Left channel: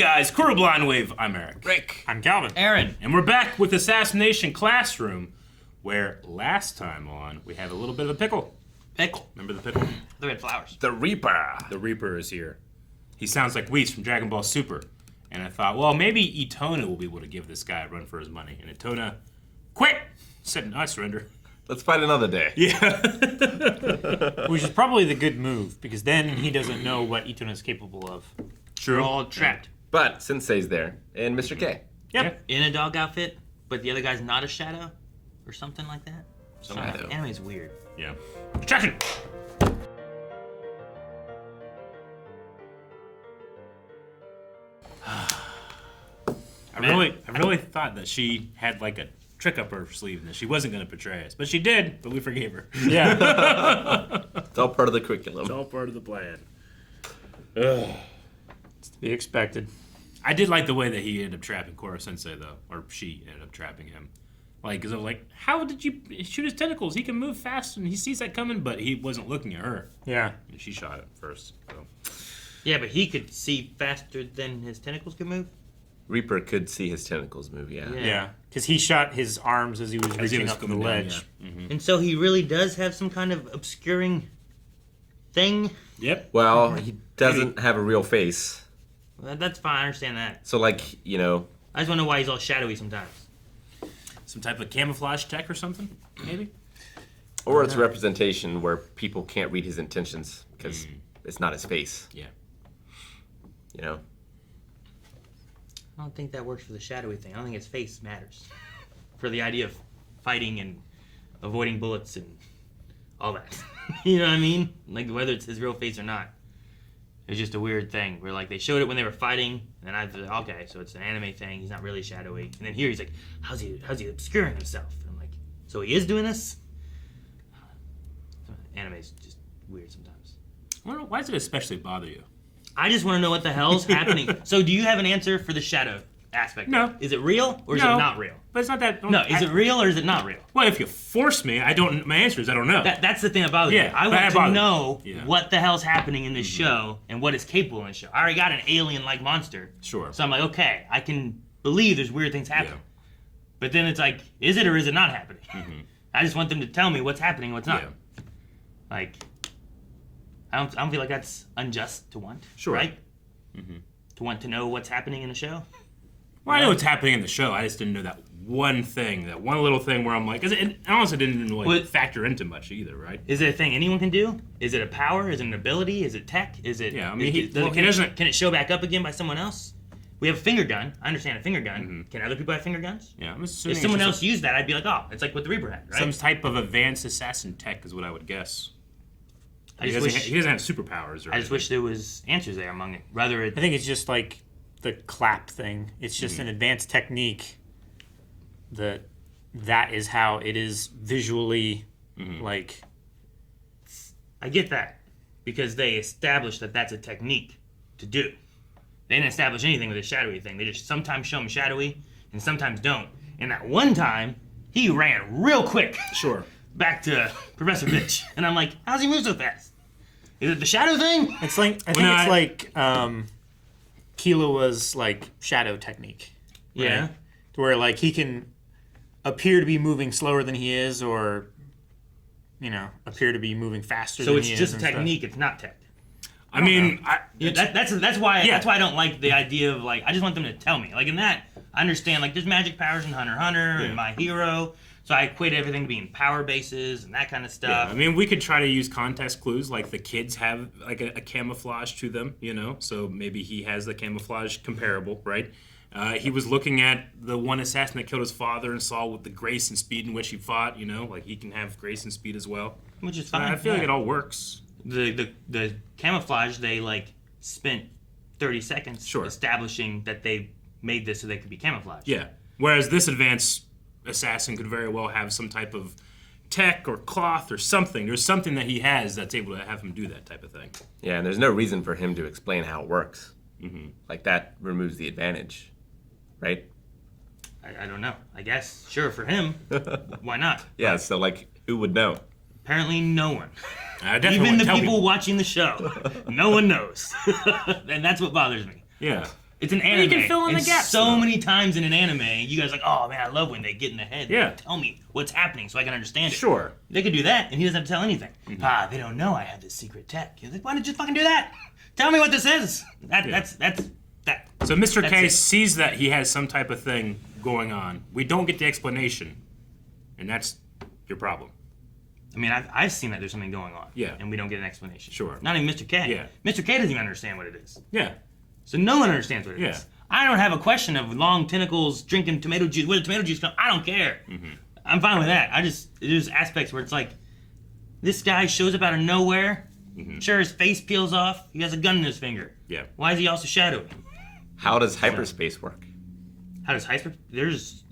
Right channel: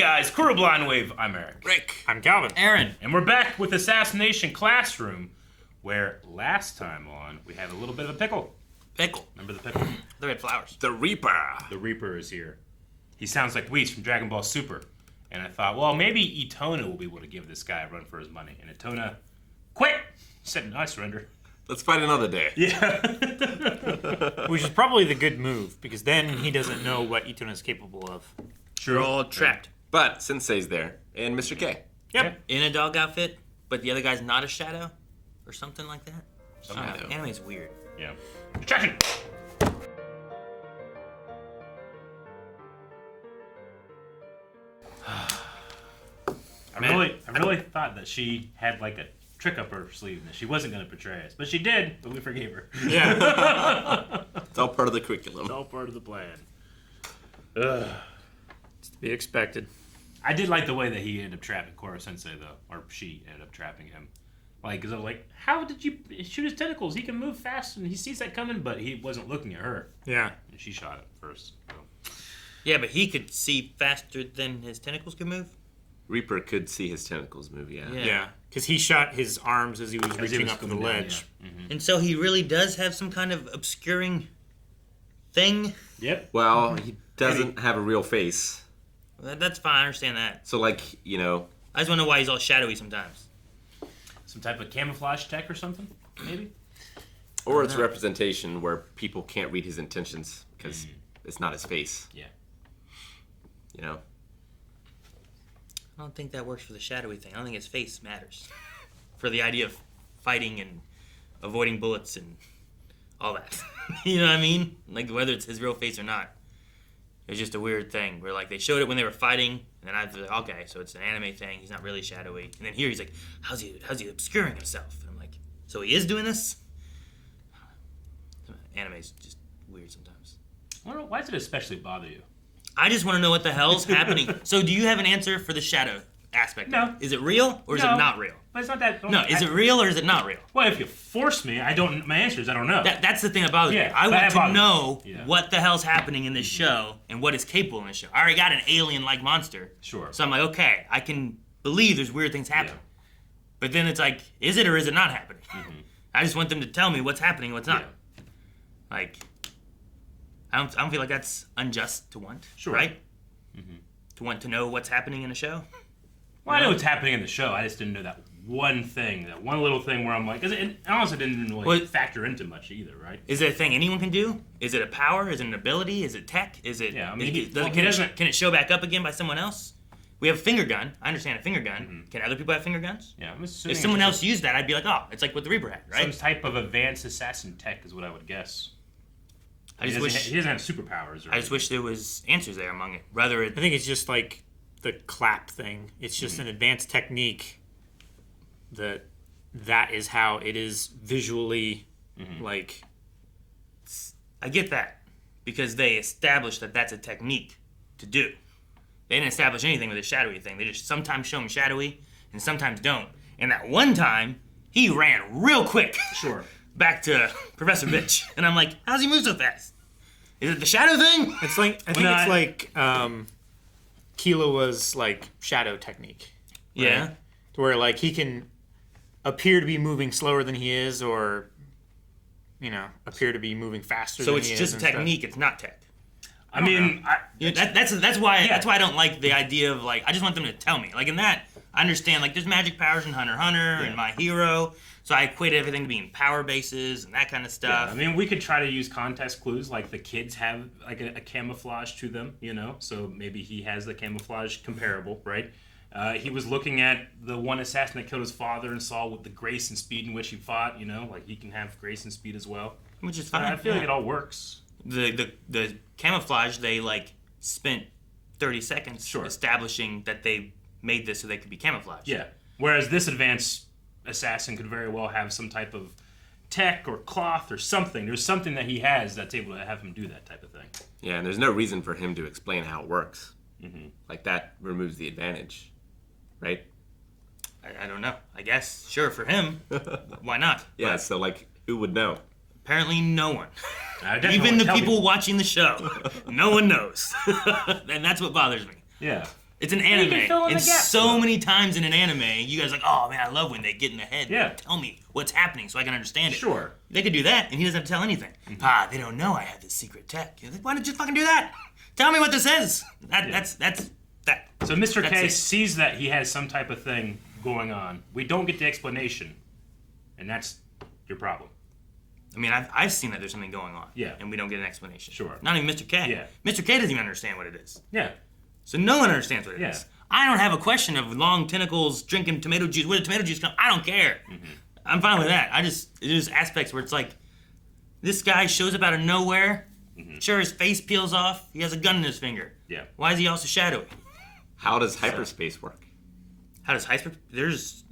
guys, Koro Blind Wave. I'm Eric. Rick. I'm Calvin. Aaron. And we're back with Assassination Classroom, where last time on, we had a little bit of a pickle. Pickle. Remember the pickle? The red flowers. The Reaper. The Reaper is here. He sounds like Whis from Dragon Ball Super. And I thought, well, maybe Itona will be able to give this guy a run for his money. And Itona, quit! Said, no, I surrender. Let's fight another day. Yeah. Which is probably the good move, because then he doesn't know what Itona is capable of. We're all trapped. But Sensei's there, and Mr. K. Yep. In a dog outfit, but the other guy's not a shadow? Or something like that? Something like that. Anime's weird. Yeah. Distraction! I really thought that she had like a trick up her sleeve and that she wasn't going to betray us. But she did, but we forgave her. Yeah. It's all part of the curriculum. It's all part of the plan. It's to be expected. I did like the way that he ended up trapping Koro Sensei, though. Or she ended up trapping him. Like, because I was like, how did you shoot his tentacles? He can move fast and he sees that coming, but he wasn't looking at her. Yeah. And she shot it first. So. Yeah, but he could see faster than his tentacles could move? Reaper could see his tentacles move, yeah. Yeah. Because he shot his arms as he was reaching up the coming down, ledge. yeah. Mm-hmm. And so he really does have some kind of obscuring thing? Yep. Well, he doesn't have a real face. Well, that's fine, I understand that. So, like, you know... I just want to know why he's all shadowy sometimes. Some type of camouflage tech or something, maybe? Or it's representation where people can't read his intentions because it's not his face. Yeah. You know? I don't think that works for the shadowy thing. I don't think his face matters. For the idea of fighting and avoiding bullets and all that. You know what I mean? Like, whether it's his real face or not. It was just a weird thing where, like, they showed it when they were fighting, and I thought, okay, so it's an anime thing. He's not really shadowy. And then here he's like, how's he obscuring himself? And I'm like, so he is doing this? Anime's just weird sometimes. I don't know, why does it especially bother you? I just want to know what the hell's happening. So do you have an answer for the shadow aspect? No. Is it real or is No. it not real? But it's not that... No, is it real or is it not real? Well, if you force me, my answer is I don't know. That's the thing that bothers me. Yeah, I that want to bothers know me. Yeah. what the hell's happening in this show and what is capable in this show. I already got an alien-like monster. Sure. So I'm like, okay, I can believe there's weird things happening. Yeah. But then it's like, is it or is it not happening? Mm-hmm. I just want them to tell me what's happening and what's not. Yeah. Like, I don't feel like that's unjust to want. Sure. Right? To want to know what's happening in a show. Well, I know what's happening in the show. I just didn't know that one thing, that one little thing where I'm like, because it honestly didn't really But- factor into much either, right? Is it a thing anyone can do? Is it a power? Is it an ability? Is it tech? Is it? Yeah, I mean, can it show back up again by someone else? We have a finger gun. I understand a finger gun. Can other people have finger guns? Yeah, I'm assuming If someone it's else used that, I'd be like, oh, it's like what the Reaper had, right? some type of advanced assassin tech is what I would guess. He doesn't have superpowers. Or I just wish there was answers there among it. Rather, I think it's just like the clap thing. It's just an advanced technique that is how it is visually, like... I get that because they established that that's a technique to do. They didn't establish anything with the shadowy thing. They just sometimes show him shadowy and sometimes don't. And that one time, he ran real quick. Sure. Back to Professor Bitch. And I'm like, how's he move so fast? Is it the shadow thing? It's like, I think it's like Kilowa's, like, shadow technique. Right? Yeah. Where, like, he can appear to be moving slower than he is or, you know, appear to be moving faster So than it's he is. just and technique, stuff. it's not tech. I mean, That's why I don't like the idea of, like, I just want them to tell me. Like, in that, I understand, like, there's magic powers in Hunter x Hunter and My Hero, so I equate everything to being power bases and that kind of stuff. I mean, we could try to use context clues, like the kids have like a camouflage to them, you know. So maybe he has the camouflage comparable, right? He was looking at the one assassin that killed his father and saw with the grace and speed in which he fought, you know, like he can have grace and speed as well. Which is fine. I feel like it all works. The camouflage, they, like, spent 30 seconds establishing that they made this so they could be camouflaged. Yeah. Whereas this advanced assassin could very well have some type of tech or cloth or something. There's something that he has that's able to have him do that type of thing. Yeah, and there's no reason for him to explain how it works. Like, that removes the advantage, right? I don't know. I guess, sure, for him, why not? Yeah, so, like, who would know? Apparently no one. Even the people watching the show. No one knows. And that's what bothers me. Yeah. It's an anime. You can fill in the gaps, so though. many times in an anime, you guys are like, oh man, I love when they get in the head. Yeah. Tell me what's happening so I can understand it. Sure. They could do that, and he doesn't have to tell anything. They don't know I have this secret tech. You're like, why did you fucking do that? Tell me what this is. That's that. So Mr. That's K it. sees that he has some type of thing going on. We don't get the explanation, and that's your problem. I mean, I've seen that there's something going on. Yeah. And we don't get an explanation. Sure. Not even Mr. K. Yeah. Mr. K doesn't even understand what it is. Yeah. So no one understands what it is. Yeah. I don't have a question of long tentacles drinking tomato juice. Where did tomato juice come? I don't care. I'm fine with that. There's aspects where it's like, this guy shows up out of nowhere. Sure, his face peels off. He has a gun in his finger. Yeah. Why is he also shadowy? How does hyperspace work? How does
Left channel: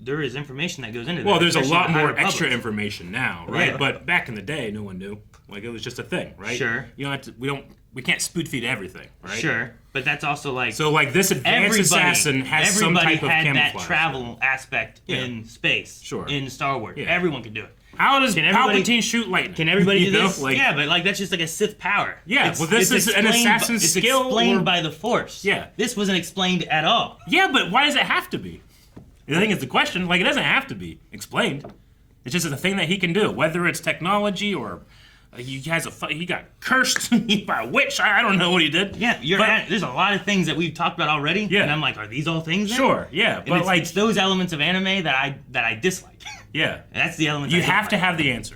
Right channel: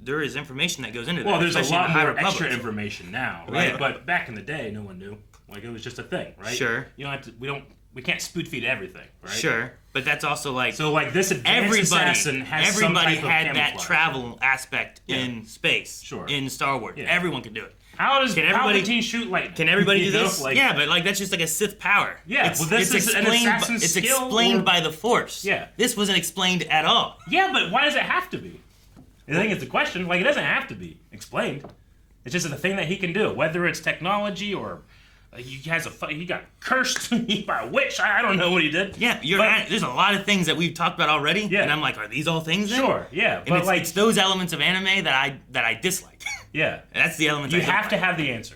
there is information that goes into that. Well, there's a especially lot in the more High extra Republic. information now, right? Yeah. But back in the day, no one knew. Like, it was just a thing, right? Sure. You don't have to. We can't spoon feed everything, right? Sure, but that's also like So, like, this advanced assassin has some everybody type of had camouflage. that travel aspect Yeah. in space. Sure. In Star Wars, Yeah. everyone could do it. How does everybody- Palpatine shoot lightning? Can everybody You do know, this? like- Yeah, but like that's just like a Sith power. Yeah, well, this is an explained assassin's it's skill explained or- by the Force. Yeah. This wasn't explained at all. Yeah, but why does it have to be? I think it's the question. Like, it doesn't have to be explained. It's just a thing that he can do, whether it's technology or he got cursed by a witch. I don't know what he did. Yeah, there's a lot of things that we've talked about already. Yeah. And I'm like, are these all things? Then? Sure, yeah, And but it's those elements of anime that I dislike. yeah, And that's the elements you I don't have to like. have the answer.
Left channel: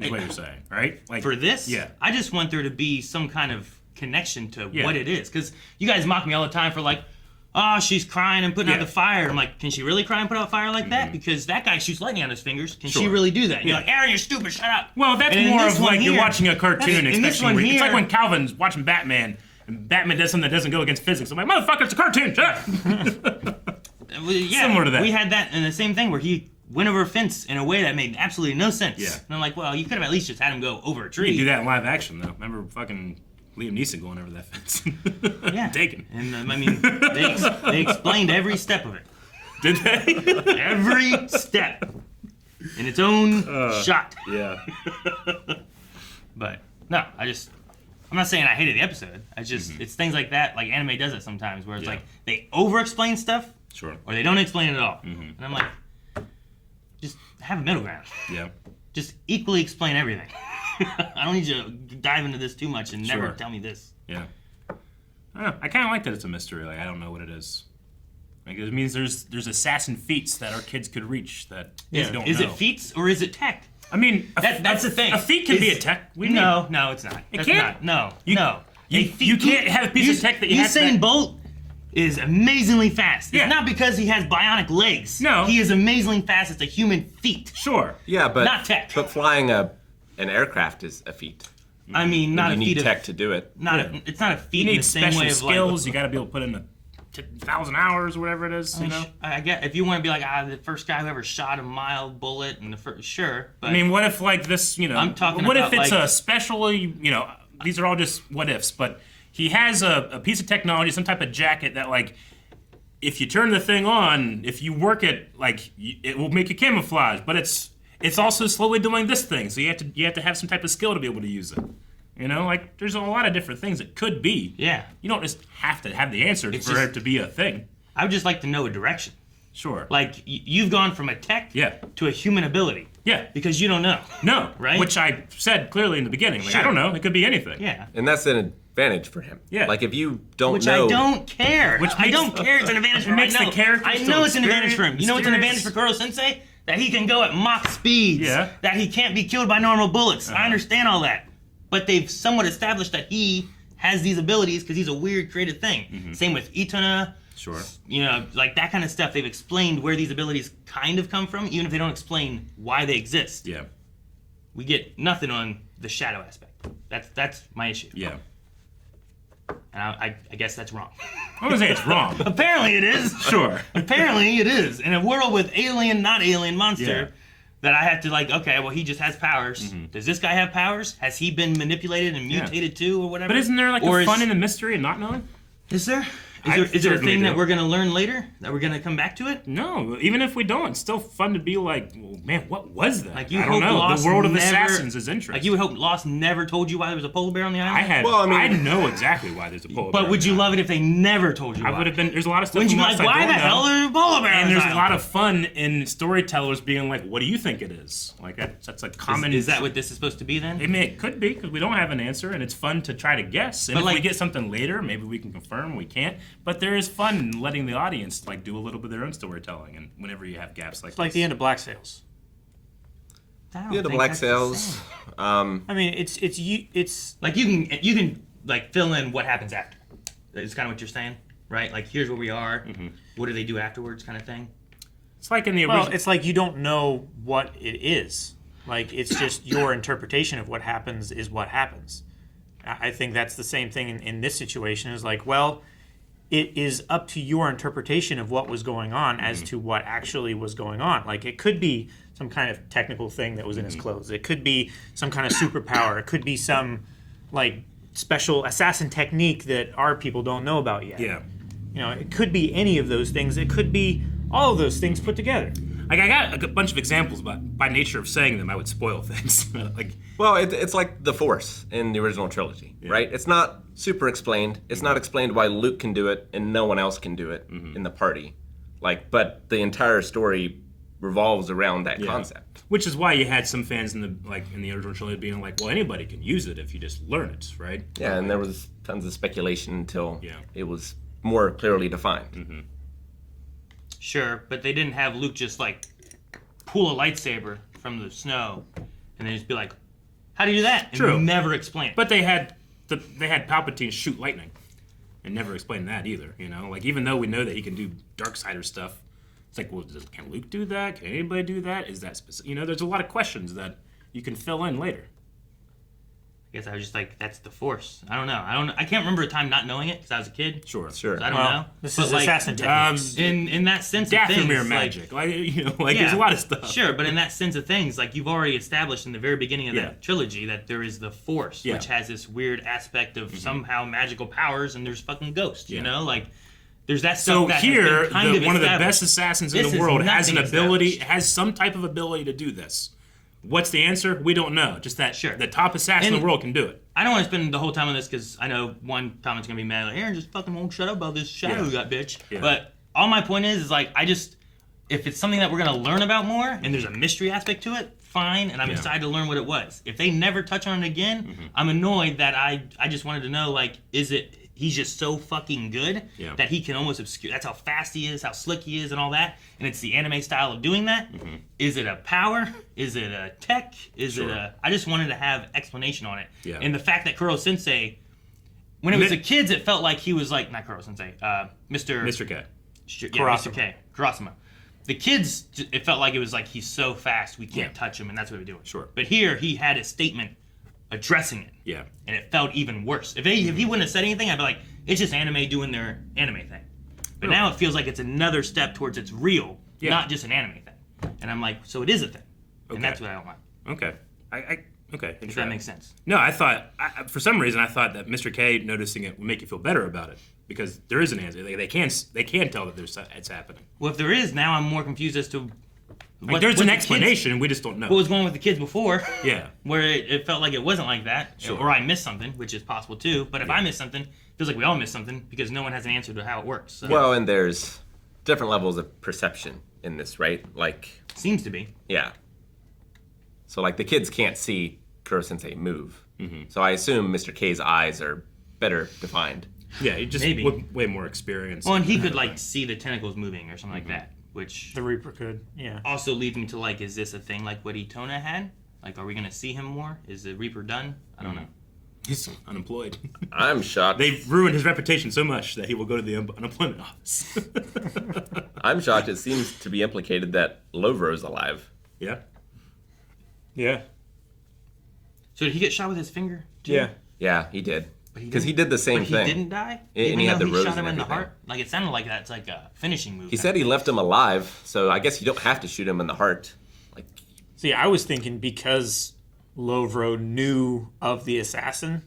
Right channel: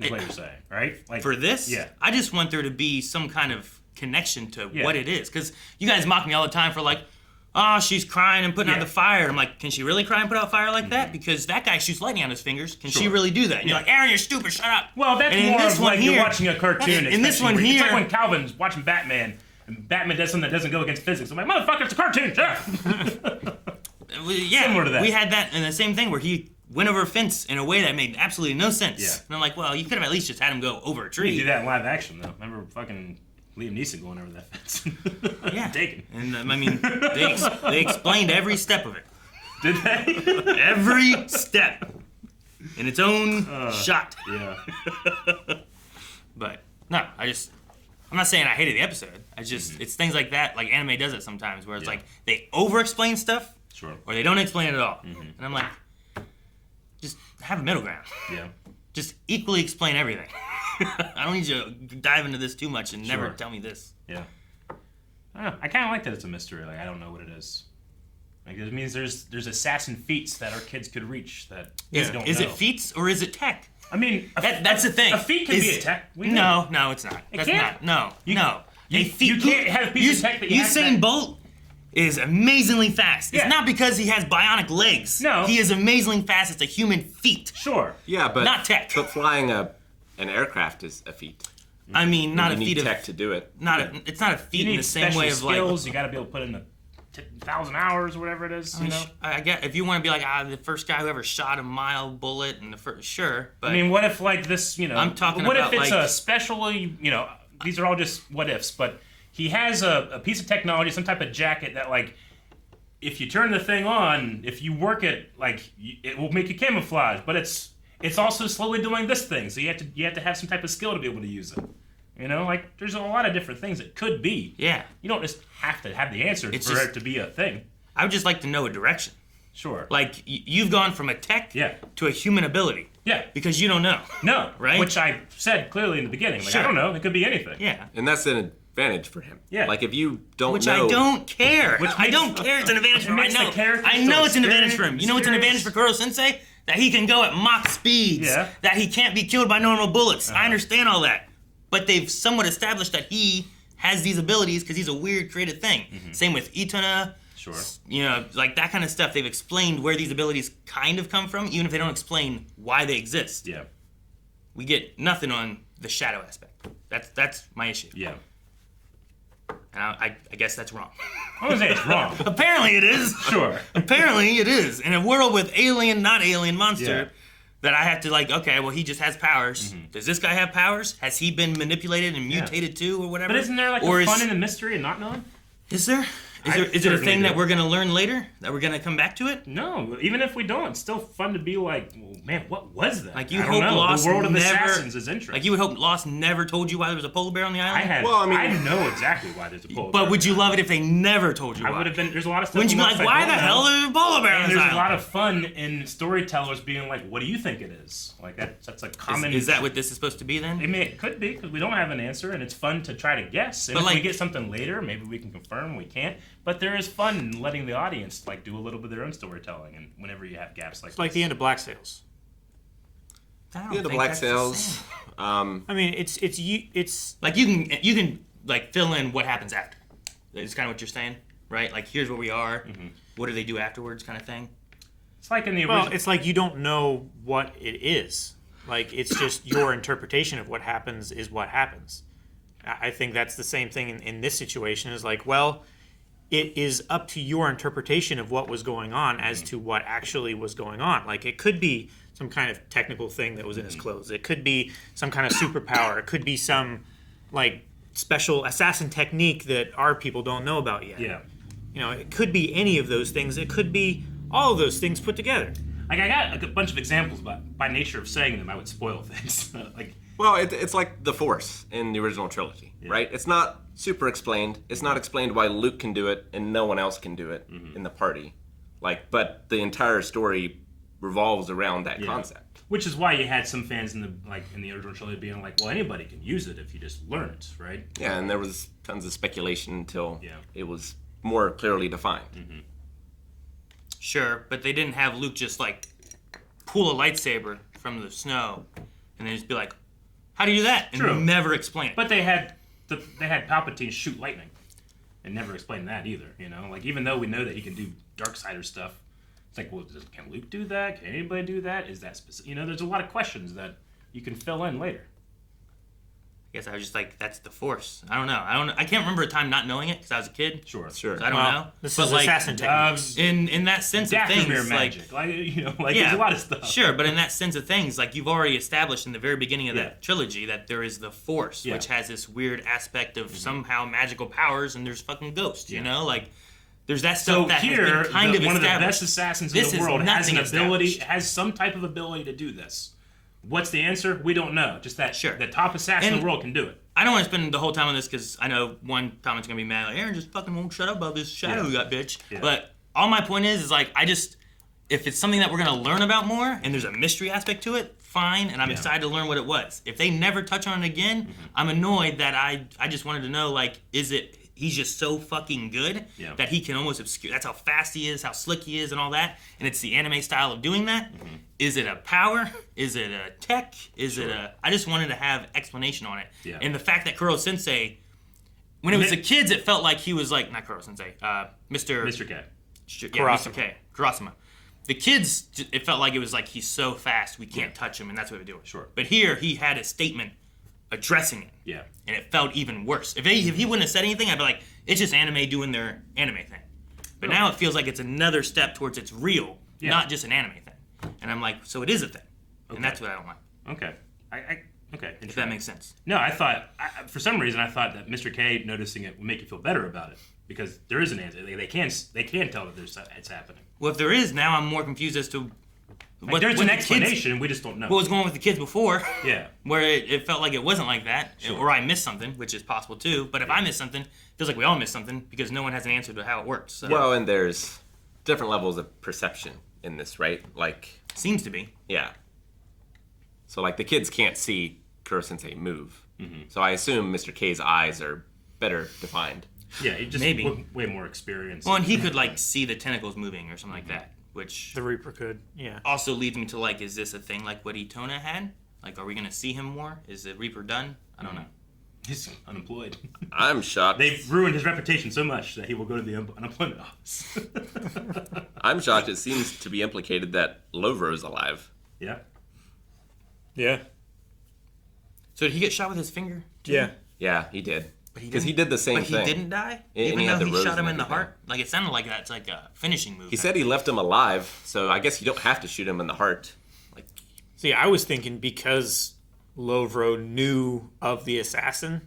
Is what I, you're saying, right? Like for this, yeah, I just want there to be some kind of connection to Yeah. what it is. Because you guys mock me all the time for like, oh, she's crying and putting out Yeah. the fire. I'm like, can she really cry and put out fire like that? Because that guy shoots lightning on his fingers. Can she Sure. really do that? And you're Yeah. like, Aaron, you're stupid. Shut up. Well, that's And in more this of one like you're here- watching a cartoon. in this expecting one it's like here- when Calvin's watching Batman and Batman does something that doesn't go against physics. I'm like, motherfucker, it's a cartoon. Shut up. Yeah, Similar to that. We had that in the same thing where he went over a fence in a way that made absolutely no sense. Yeah. And I'm like, well, you could have at least just had him go over a tree. You do that in live action, though. Remember fucking Liam Neeson going over that fence? Yeah. Taken. And I mean, they explained every step of it. Did they? Every step. In its own shot. Yeah. But no, I'm not saying I hated the episode. It's things like that, like anime does it sometimes, where it's Yeah. like they over-explain stuff, Sure. or they don't explain it at all. And I'm like, just have a middle ground. Yeah. Just equally explain everything. I don't need you to dive into this too much and never Sure. tell me this. Yeah. I don't know. I kind of like that it's a mystery. Like, I don't know what it is. Like, it means there's assassin feats that our kids could reach that kids don't Is know. it feats or is it tech? I mean, That's the thing. A feat can be Is- a tech. No, it's not. That's can't? not. No. You can't have a piece of tech that you have Usain that- Bolt is amazingly fast. Yeah. It's not because he has bionic legs. No. He is amazingly fast. It's a human feat. Sure. Yeah, but Not tech. But flying an aircraft is a feat. I mean, not you a need feat tech of to do it. it's not a You feat in need the same special way of skills. like. You got to be able to put in 1,000 hours or whatever it is. You know. I get if you want to be like the first guy who ever shot a mile bullet and the first sure, but I mean, what if like this? You know, I'm talking what about, if it's like- a specially? You know, these are all just what ifs. But he has a piece of technology, some type of jacket that like, if you turn the thing on, if you work it, like it will make you camouflage. But it's also slowly doing this thing. So you have to have some type of skill to be able to use it. You know, like there's a lot of different things it could be. yeah, You don't just have to have the answer It's for just- it to be a thing. I would just like to know a direction. Sure. Like you've gone from a tech Yeah. to a human ability Yeah. because you don't know. No. Right? Which I said clearly in the beginning. Like, Sure. I don't know. It could be anything. Yeah. And that's an advantage for him. Yeah. Like if you don't Which know. I don't care. Which I makes- don't care. It's an advantage for him. makes I the know. character I so know it's an advantage for him. You know what's an mysterious. advantage for Koro Sensei? That he can go at Mach speeds. Yeah. That he can't be killed by normal bullets. I understand all that. But they've somewhat established that he has these abilities because he's a weird created thing. Same with Itana. Sure. You know, like that kind of stuff. They've explained where these abilities kind of come from, even if they don't explain why they exist. Yeah. We get nothing on the shadow aspect. That's my issue. Yeah. And I guess that's wrong. I wouldn't say it's wrong. Apparently it is. Sure. Apparently it is. In a world with alien, not alien monster, Yeah. that I have to like, okay, well he just has powers. Does this guy have powers? Has he been manipulated and Yeah. mutated too or whatever? But isn't there like or a fun in the mystery and not knowing? Is there? Is there a thing that we're going to learn later? That we're going to come back to it? No, even if we don't, it's still fun to be like, well, man, what was that? Like you I hope don't know. Lost The world of never, Assassins is interesting. Like you would hope Lost never told you why there was a polar bear on the island? I know exactly why there's a polar bear. But would you love it if they never told you why? I would have been. There's a lot of stuff. Wouldn't you be like, why the hell is there a polar bear on And this there's island? a lot of fun in storytellers being like, what do you think it is? Like that's a common. Is that what this is supposed to be then? It could be, because we don't have an answer, and it's fun to try to guess. And But if we like- get something later, maybe we can confirm, we can't. But there is fun in letting the audience like do a little bit of their own storytelling, and whenever you have gaps like It's like the end of Black Sails. I don't Yeah, the think Black that's the Sails. same. I mean, it's Like you can like fill in what happens after. It's kind of what you're saying, right? Like here's where we are. What do they do afterwards, kind of thing. It's like in the original. well, it's like you don't know what it is. Like it's just your interpretation of what happens is what happens. I think that's the same thing in this situation. Is like, well, it is up to your interpretation of what was going on as to what actually was going on. Like it could be some kind of technical thing that was in his clothes. It could be some kind of superpower. It could be some like special assassin technique that our people don't know about yet. Yeah. You know, it could be any of those things. It could be all of those things put together. Like I got a bunch of examples, but by nature of saying them, I would spoil things. Like Well, it's like the Force in the original trilogy, right? It's not super explained. It's not explained why Luke can do it and no one else can do it in the party. Like, but the entire story revolves around that concept. which is why you had some fans in the original trilogy being like, well, anybody can use it if you just learn it, right? Yeah, and there was tons of speculation until Yeah. it was more clearly defined. Sure, but they didn't have Luke just like pull a lightsaber from the snow and then just be like, "How do you do that?" And True. never explain it. But they had Palpatine shoot lightning, and never explained that either. You know, like even though we know that he can do Darksider stuff, it's like, well, can Luke do that? Can anybody do that? Is that specific? You know, there's a lot of questions that you can fill in later. I guess I was just like, "That's the Force." I don't know. I can't remember a time not knowing it because I was a kid. Sure. Sure. So I don't Well, know. this But, is like, assassin techniques. In that sense of Dathomir things, magic, like, there's a lot of stuff. Sure, but in that sense of things, like you've already established in the very beginning of Yeah. the trilogy that there is the Force, Yeah. which has this weird aspect of somehow magical powers, and there's fucking ghosts. You know, like there's that stuff So that here, has been kind of one of the established. best assassins This in the is world has an nothing ability, established. has some type of ability to do this. What's the answer? We don't know. Just that Sure. the top assassin in And- the world can do it. I don't want to spend the whole time on this because I know one comment's gonna be mad. Like, Aaron just fucking won't shut up about this shadow Yeah. we got, bitch. Yeah. But all my point is like if it's something that we're gonna learn about more and there's a mystery aspect to it, fine. And I'm excited to learn what it was. If they never touch on it again, I'm annoyed that I just wanted to know like, is it? He's just so fucking good Yeah. that he can almost obscure. That's how fast he is, how slick he is, and all that. And it's the anime style of doing that. Is it a power? Is it a tech? Is it a? I just wanted to have explanation on it. Yeah. And the fact that Koro Sensei, when it was the kids, it felt like he was like not Koro Sensei, Mr. K. Mr. Karasuma. K. Karasuma. The kids, it felt like it was like he's so fast we can't Yeah. touch him, and that's what we're doing. Sure. But here he had a statement addressing it. Yeah. And it felt even worse. If he wouldn't have said anything, I'd be like, it's just anime doing their anime thing. But now it feels like it's another step towards it's real, Yeah. not just an anime thing. And I'm like, so it is a thing. And that's what I don't like. Okay. Okay. If that makes sense. No, I thought for some reason I thought that Mr. K noticing it would make you feel better about it because there is an answer. They can tell that it's happening. Well, if there is, now I'm more confused as to Like, there's what an the kids- explanation, and we just don't know. what was going on with the kids before. Yeah. Where it felt like it wasn't like that, Sure. or I missed something, which is possible too. But if I missed something, it feels like we all missed something because no one has an answer to how it works. So Well, and there's different levels of perception in this, right? Like, seems to be. yeah. So, like, the kids can't see Kuro Sensei move. So I assume Mr. K's eyes are better defined. Yeah, it just Maybe. way more experience. Well, and he could like see the tentacles moving or something like that, which The Reaper could, yeah. also leads me to like, is this a thing like what Itona had? Like, are we gonna see him more? Is the Reaper done? I don't know. He's unemployed. I'm shocked. They've ruined his reputation so much that he will go to the unemployment office. I'm shocked. It seems to be implicated that Lovro's alive. Yeah. Yeah. So did he get shot with his finger? Yeah. Yeah, he did. But he Because he didn't- did the same But he thing. didn't die, And even he had though the he rose shot him and in the everything. heart. Like it sounded like that's like a finishing move. He said he left him alive, so I guess you don't have to shoot him in the heart. Like, See, I was thinking because Lovro knew of the assassin,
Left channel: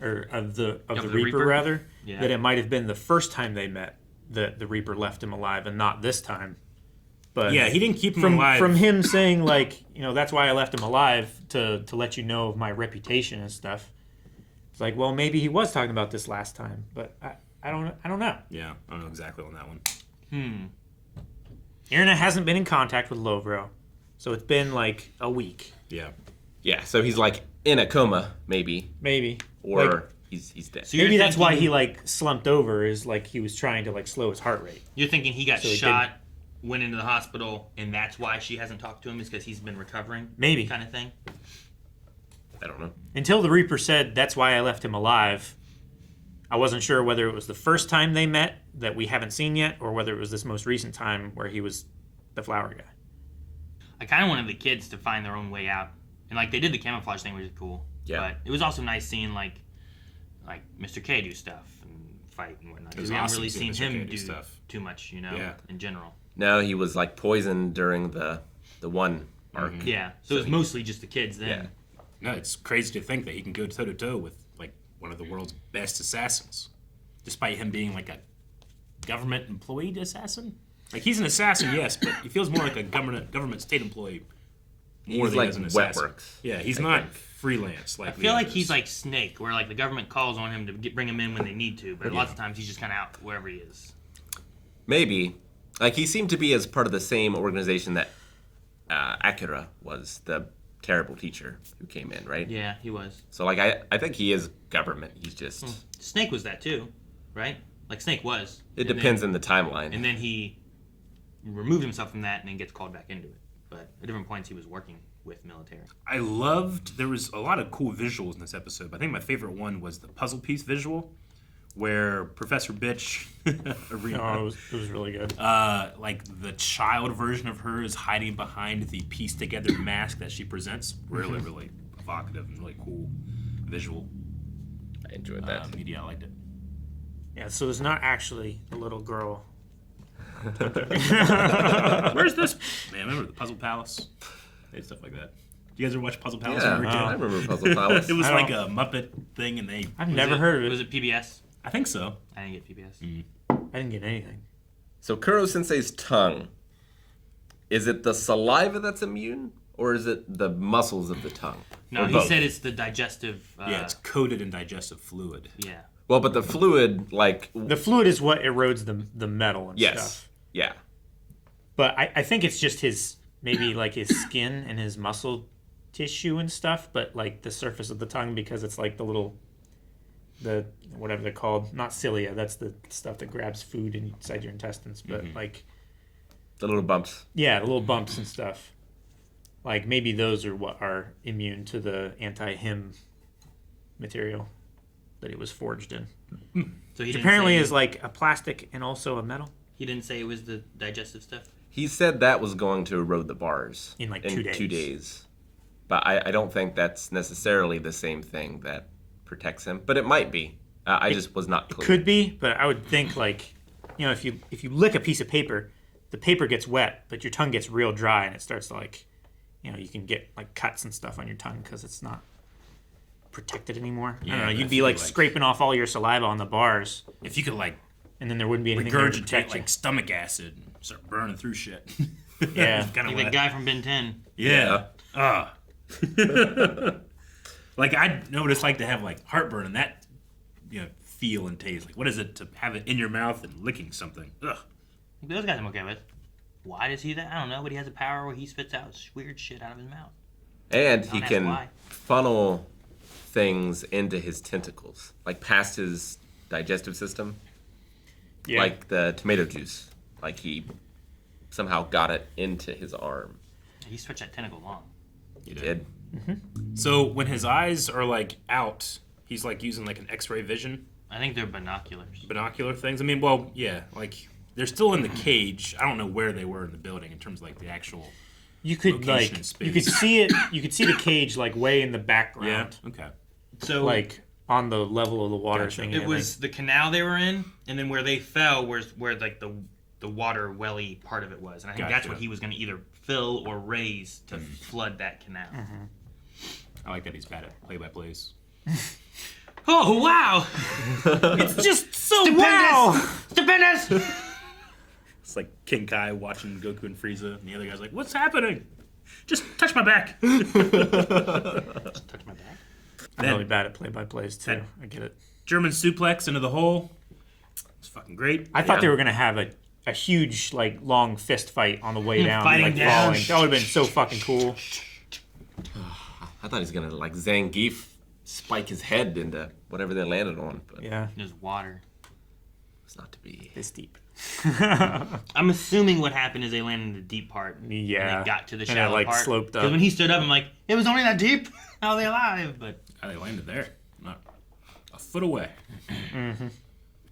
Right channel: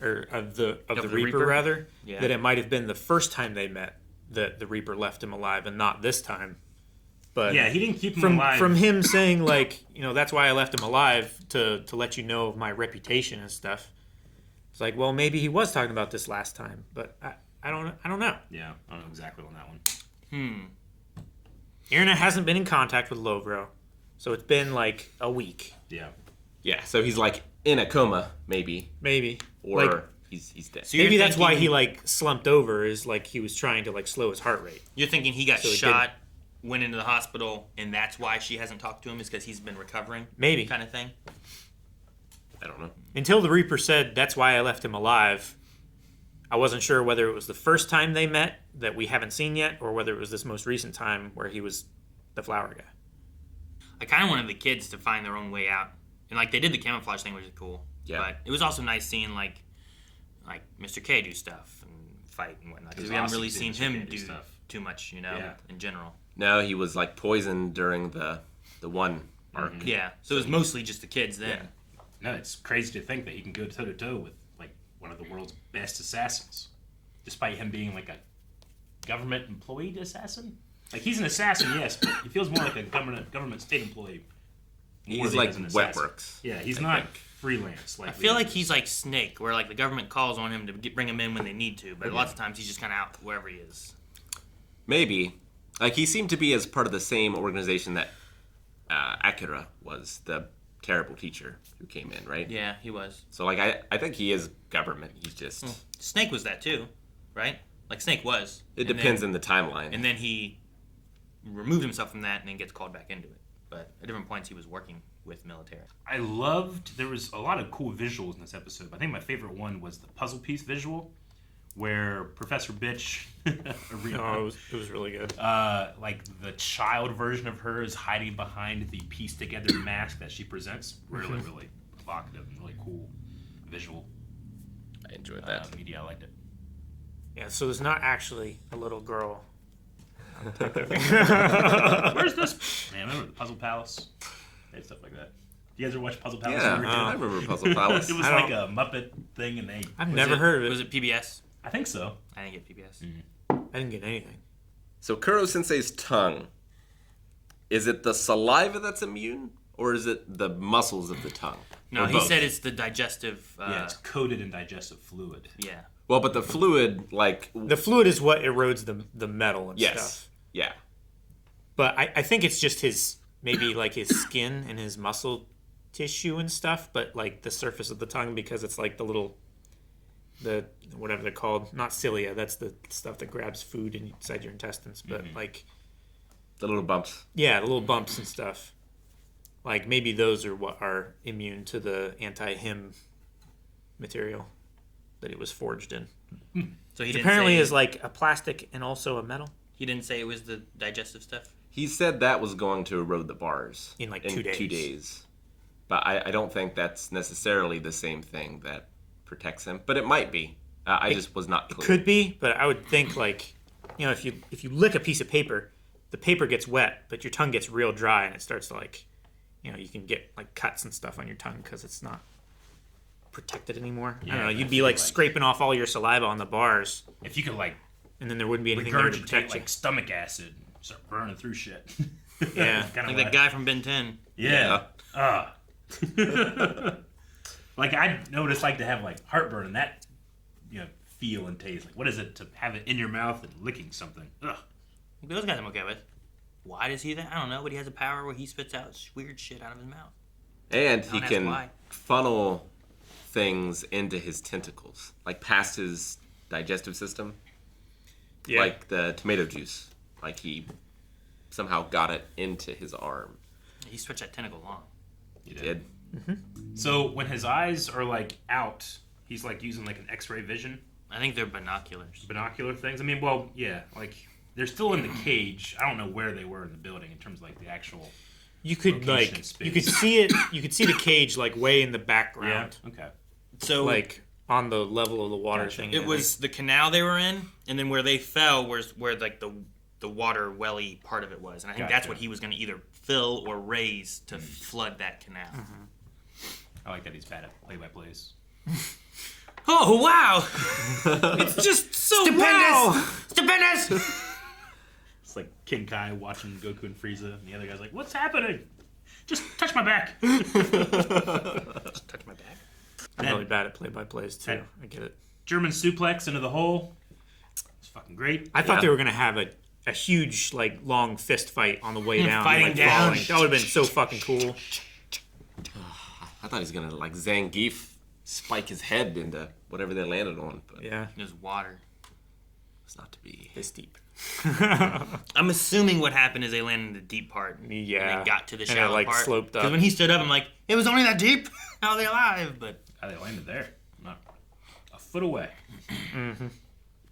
or of the the Reaper, Reaper? rather, Yeah. that it might have been the first time they met that the Reaper left him alive, and not this time. But Yeah, he didn't keep him alive. From him saying, like, that's why I left him alive, to let you know of my reputation and stuff. It's like, well, maybe he was talking about this last time, but I don't know. Yeah, I don't know exactly on that one. Irina hasn't been in contact with Lovro, so it's been like a week. Yeah. Yeah, so he's like in a coma, maybe, Maybe. or Like, he's dead. So you're maybe that's why thinking- he like slumped over, is like he was trying to like slow his heart rate. You're thinking he got So he shot, went into the hospital, and that's why she hasn't talked to him, is because he's been recovering? Maybe. Kind of thing? I don't know. Until the Reaper said that's why I left him alive, I wasn't sure whether it was the first time they met that we haven't seen yet, or whether it was this most recent time where he was the flower guy. I kind of wanted the kids to find their own way out. And, like, they did the camouflage thing, which is cool. Yeah. But it was also nice seeing, like Mr. K do stuff and fight and whatnot. Because we haven't really seen him do stuff too much, Yeah. in general. No, he was like poisoned during the one arc. Yeah. So it was he- mostly just the kids then. Yeah. No, it's crazy to think that he can go toe to toe with like one of the world's best assassins, despite him being like a government employed assassin. Like he's an assassin, yes, but he feels more like a government state employee. more He's than he like does an assassin. Wetworks. Yeah, he's not freelance. Like I feel like he's like Snake, where like the government calls on him to bring him in when they need to, but lots of times he's just kind of out wherever he is. Maybe. Like, he seemed to be as part of the same organization that Akira was, the terrible teacher who came in, right? Yeah, he was. So, like, I think he is government. He's just... Snake was that too, right? Like Snake was. It And depends then- on the timeline. And then he removed himself from that and then gets called back into it. But at different points he was working with military. I loved, there was a lot of cool visuals in this episode, but I think my favorite one was the puzzle piece visual, where Professor Bitch, No, it was really good. like the child version of her is hiding behind the pieced together mask that she presents. Really, really evocative and really cool visual I enjoyed that. media. I liked it. Yeah, so there's not actually a little girl. Where's this? Man, remember the Puzzle Palace? They had stuff like that. You guys ever watch Puzzle Palace? Yeah, when you were a I kid? remember Puzzle Palace. It was I like don't- a Muppet thing, and they. I've never heard of Was it. it PBS? I think so. I didn't get PBS. I didn't get anything. So Kuro Sensei's tongue, is it the saliva that's immune, or is it the muscles of the tongue? No, Or he both? said it's the digestive. Yeah, it's coated in digestive fluid. yeah. Well, but the fluid, like... The fluid is what erodes the metal and yes. stuff. Yeah. But I think it's just his, maybe like his skin and his muscle tissue and stuff, but like the surface of the tongue, because it's like the whatever they're called, not cilia, that's the stuff that grabs food inside your intestines, but like, The little bumps. yeah, the little bumps and stuff. Like maybe those are what are immune to the anti-him material that it was forged in. So he Which didn't apparently say, is like a plastic and also a metal. he didn't say it was the digestive stuff. He said that was going to erode the bars. In, like, 2 days. 2 days. But I don't think that's necessarily the same thing that protects him. But it might be. I just was not clear. Could be, but I would think like, if you lick a piece of paper, the paper gets wet, but your tongue gets real dry and it starts to like, you can get like cuts and stuff on your tongue because it's not protected anymore. I don't know. You'd be like scraping off all your saliva on the bars, If you could like and then there wouldn't be anything there to regurgitate protect you. like stomach acid and start burning through shit. Yeah. kind of Like that guy from Ben 10. Yeah. Like I know what it's like to have like heartburn and that, feel and taste. Like what is it to have it in your mouth and licking something? Ugh. Those guys I'm okay with. Why does he do that? I don't know, but he has a power where he spits out weird shit out of his mouth. And he Don't ask can why. funnel things into his tentacles. Like past his digestive system. Yeah. Like the tomato juice. Like he somehow got it into his arm. He stretched that tentacle long. He did. So when his eyes are like out, he's like using like an X-ray vision, I think they're binoculars. binocular things. I mean, well, yeah, like they're still in the cage. I don't know where they were in the building in terms of like the actual. you could location like in space. you could see it. You could see the cage like way in the background, Okay. So like on the level of the water Gotcha. thing. it was the canal they were in, and then where they fell was where like the water welly part of it was, and I think that's Gotcha. what he was going to either fill or raise to flood that canal. I like that he's bad at play-by-plays. Oh, wow! It's just so wow. Stupendous! It's like King Kai watching Goku and Frieza, and the other guy's like, "What's happening? Just touch my back." Just touch my back. I'm really bad at play-by-plays too. I get it. German suplex into the hole. It's fucking great. I thought they were gonna have a huge like long fist fight on the way down, Fighting like down. falling. That would have been so fucking cool. I thought he was gonna like Zangief spike his head into whatever they landed on, but Yeah, There's water. it's not to be. this deep. I'm assuming what happened is they landed in the deep part. Yeah. And they got to the And it, shallow like, part. sloped up. Because when he stood up, I'm like, it was only that deep? How are they alive? But How they landed there, not a foot away.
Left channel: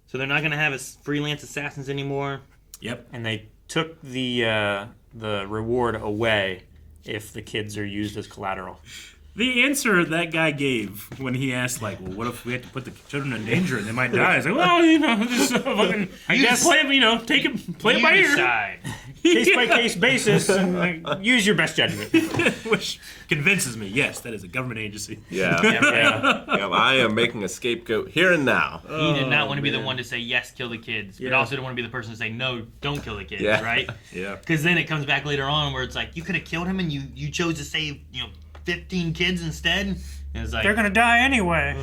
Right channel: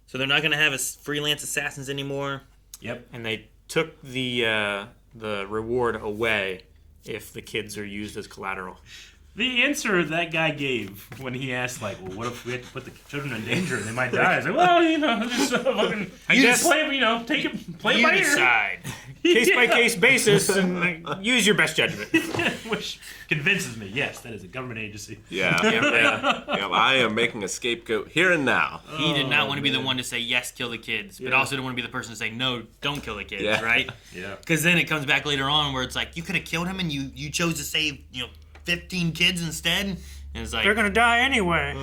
so they're not going to have freelance assassins anymore. Yep. And they took the reward away if the kids are used as collateral. The answer that guy gave when he asked, like, well, what if we had to put the children in danger and they might die? It's like, well, just fucking, guess- play it by You ear. decide. Case by case basis, and use your best judgment. Which convinces me, yes, that is a government agency. Yeah, Yeah. yeah. I am making a scapegoat here and now. He did not want to be the one to say, yes, kill the kids. But also didn't want to be the person to say, no, don't kill the kids, Yeah. right? Yeah. Because then it comes back later on where it's like, you could have killed him and you chose to save, 15 kids instead. And it's like, They're gonna die anyway.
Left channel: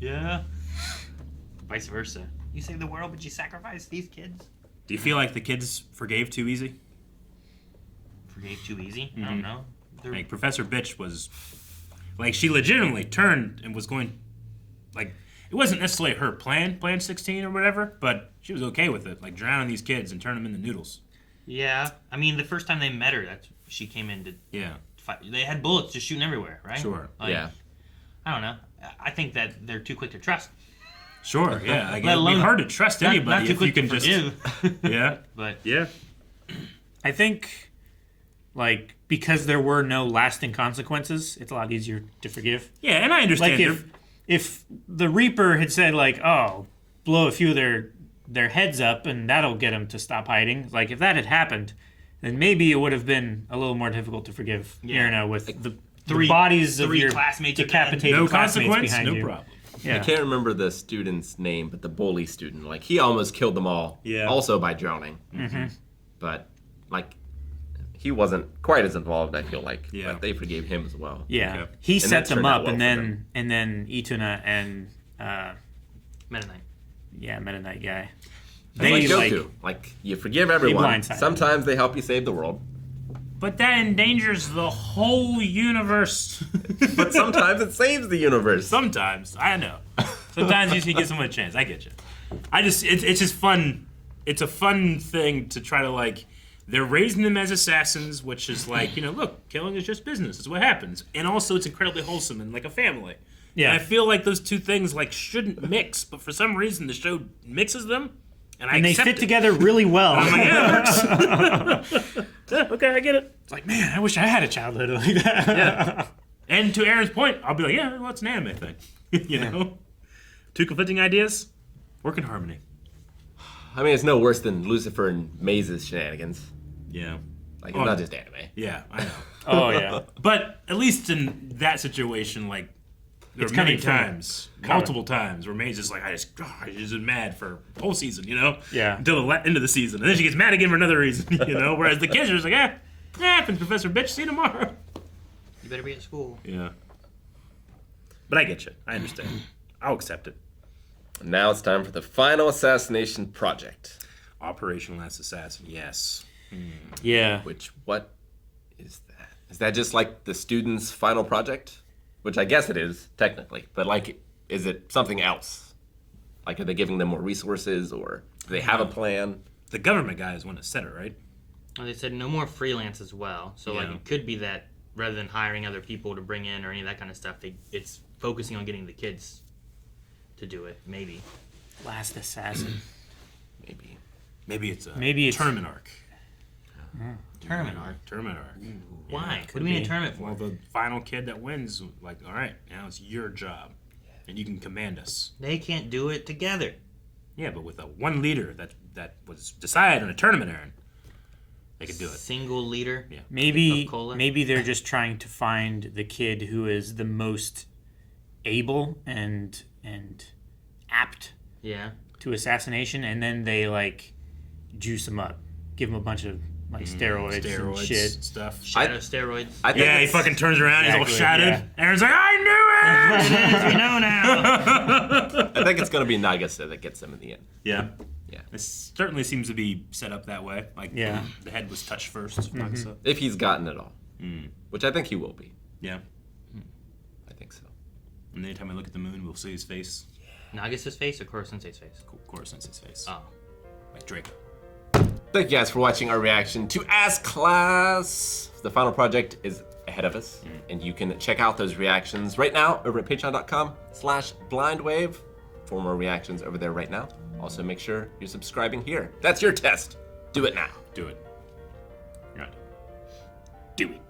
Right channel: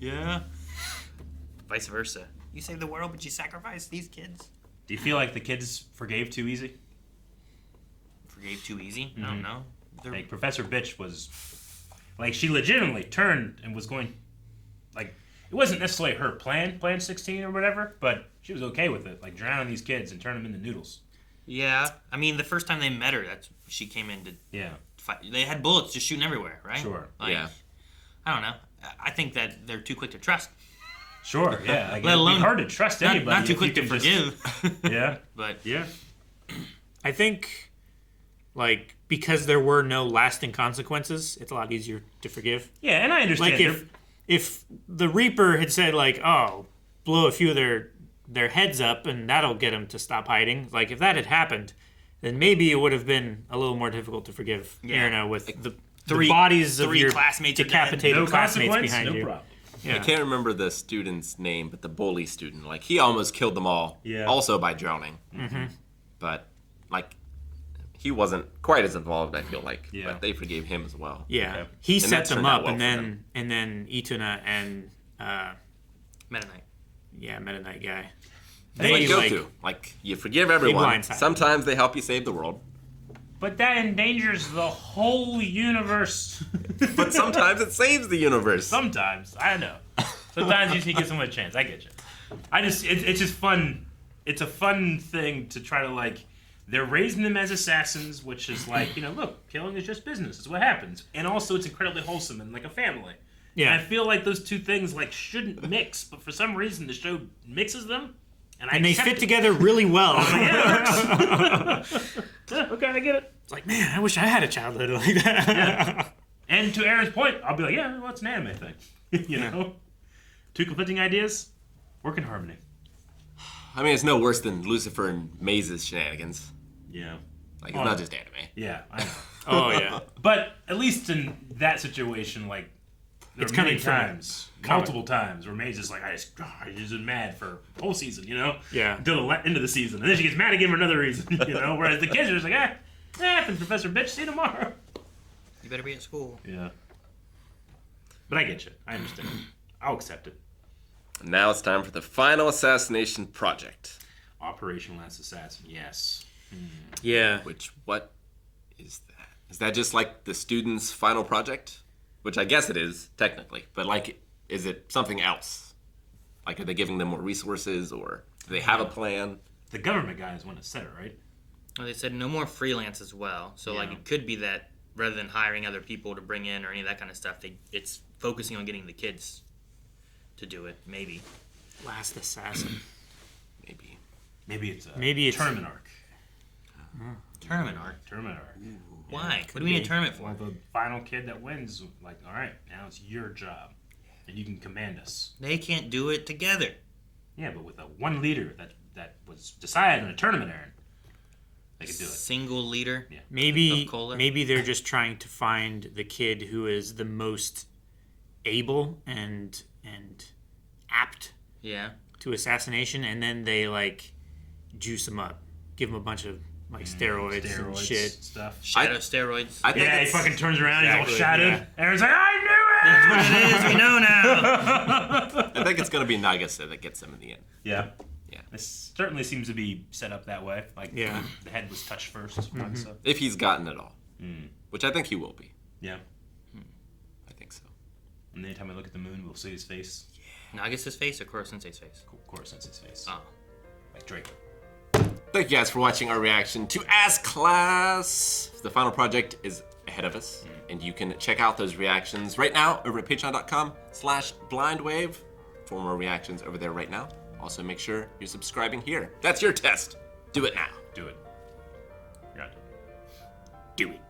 yeah. Vice versa. You saved the world, but you sacrificed these kids. Do you feel like the kids forgave too easy? Forgave too easy? I don't know. Like, Professor Bitch was, like, she legitimately turned and was going, like, it wasn't necessarily her plan 16 or whatever, but she was okay with it, like, drowning these kids and turn them into noodles. Yeah. I mean, the first time they met her, she came in to Yeah. fight. They had bullets just shooting everywhere, right? Sure. Like, Yeah. I don't know. I think that they're too quick to trust. Sure, yeah. Like, Let it'd alone- be hard to trust anybody Not too if quick you to can just... forgive. Yeah. But Yeah. I think, like, because there were no lasting consequences, it's a lot easier to forgive. Yeah, and I understand. Like if the Reaper had said like, oh, blow a few of their heads up and that'll get them to stop hiding. Like if that had happened, then maybe it would have been a little more difficult to forgive. Yeah. With the Three- bodies of three your classmates are dead. decapitated no classmates consequence, behind no you. problem. Yeah. I can't remember the student's name, but the bully student, like he almost killed them all. Yeah. Also by drowning. Mm-hmm. But like, he wasn't quite as involved. I feel like. Yeah. But they forgave him as well. Yeah, Okay. he And set that them turned out up, well and for then Ituna and Meta Knight. Meta Knight guy. They They like like you forgive everyone. blindsided Sometimes they help you save the world, But that endangers the whole universe. but sometimes it saves the universe. Sometimes. I know. Sometimes you should give someone a chance. I get you. It's just fun. It's a fun thing to try to, like, they're raising them as assassins, which is like, look, killing is just business. It's what happens. And also it's incredibly wholesome and like a family. Yeah. And I feel like those two things, like, shouldn't mix, but for some reason the show mixes them. and they accept fit it. together really well. Yeah, it works. Yeah, okay, I get it. It's like, man, I wish I had a childhood like that. Yeah. And to Aaron's point, I'll be like, yeah, well, it's an anime thing. Two conflicting ideas, work in harmony. I mean, it's no worse than Lucifer and Maze's shenanigans. Yeah. Like, it's not just anime. Yeah, I know. Oh yeah. But at least in that situation, like, there It's were many coming from times, multiple times, where Maze is like, I just been mad for a whole season, Yeah. Until the end of the season. And then she gets mad again for another reason, Whereas the kids are just like, happens, Professor Bitch, see you tomorrow. You better be at school. Yeah. But I get you. I understand. I'll accept it. Now it's time for the final assassination project. Operational Last Assassin, yes. Yeah. Which, what is that? Is that just like the student's final project? Which I guess it is, technically. But, like, is it something else? Like, are they giving them more resources, or do they have a plan? The government guy is one that said it, right? Well, they said no more freelance as well. So, like, Yeah. it could be that rather than hiring other people to bring in or any of that kind of stuff, it's focusing on getting the kids to do it, maybe. Last Assassin. Maybe. Maybe it's a Maybe it's- tournament arc. Tournament arc. Tournament arc. Why? What do we need a tournament for? Well, the final kid that wins, like, all right, now it's your job, and you can command us. They can't do it together. Yeah, but with a one leader that was decided in a tournament, Aaron, they could do it. Single leader. Yeah. Maybe Of cola? maybe they're just trying to find the kid who is the most able and and apt Yeah. to assassination, and then they like juice him up, give him a bunch of like steroids and shit. stuff. Shadow steroids. I think Yeah, he it's- fucking turns around, he's all Exactly, shattered. yeah. Aaron's like, I knew it! We know now. I think it's gonna be Nagase that gets him in the end. Yeah. Yeah. It certainly seems to be set up that way. Like, Yeah. the head was touched first. So, If he's gotten it all, which I think he will be. yeah. I think so. And anytime I look at the moon, we'll see his face. Nagasa's face or Koro Sensei's face? Koro Sensei's face. Oh. Like Draco. Thank you guys for watching our reaction to As Class. The final project is ahead of us, and you can check out those reactions right now over at patreon.com/blindwave for more reactions over there right now. Also, make sure you're subscribing here. That's your test. Do it now. Do it. Got it. Do it.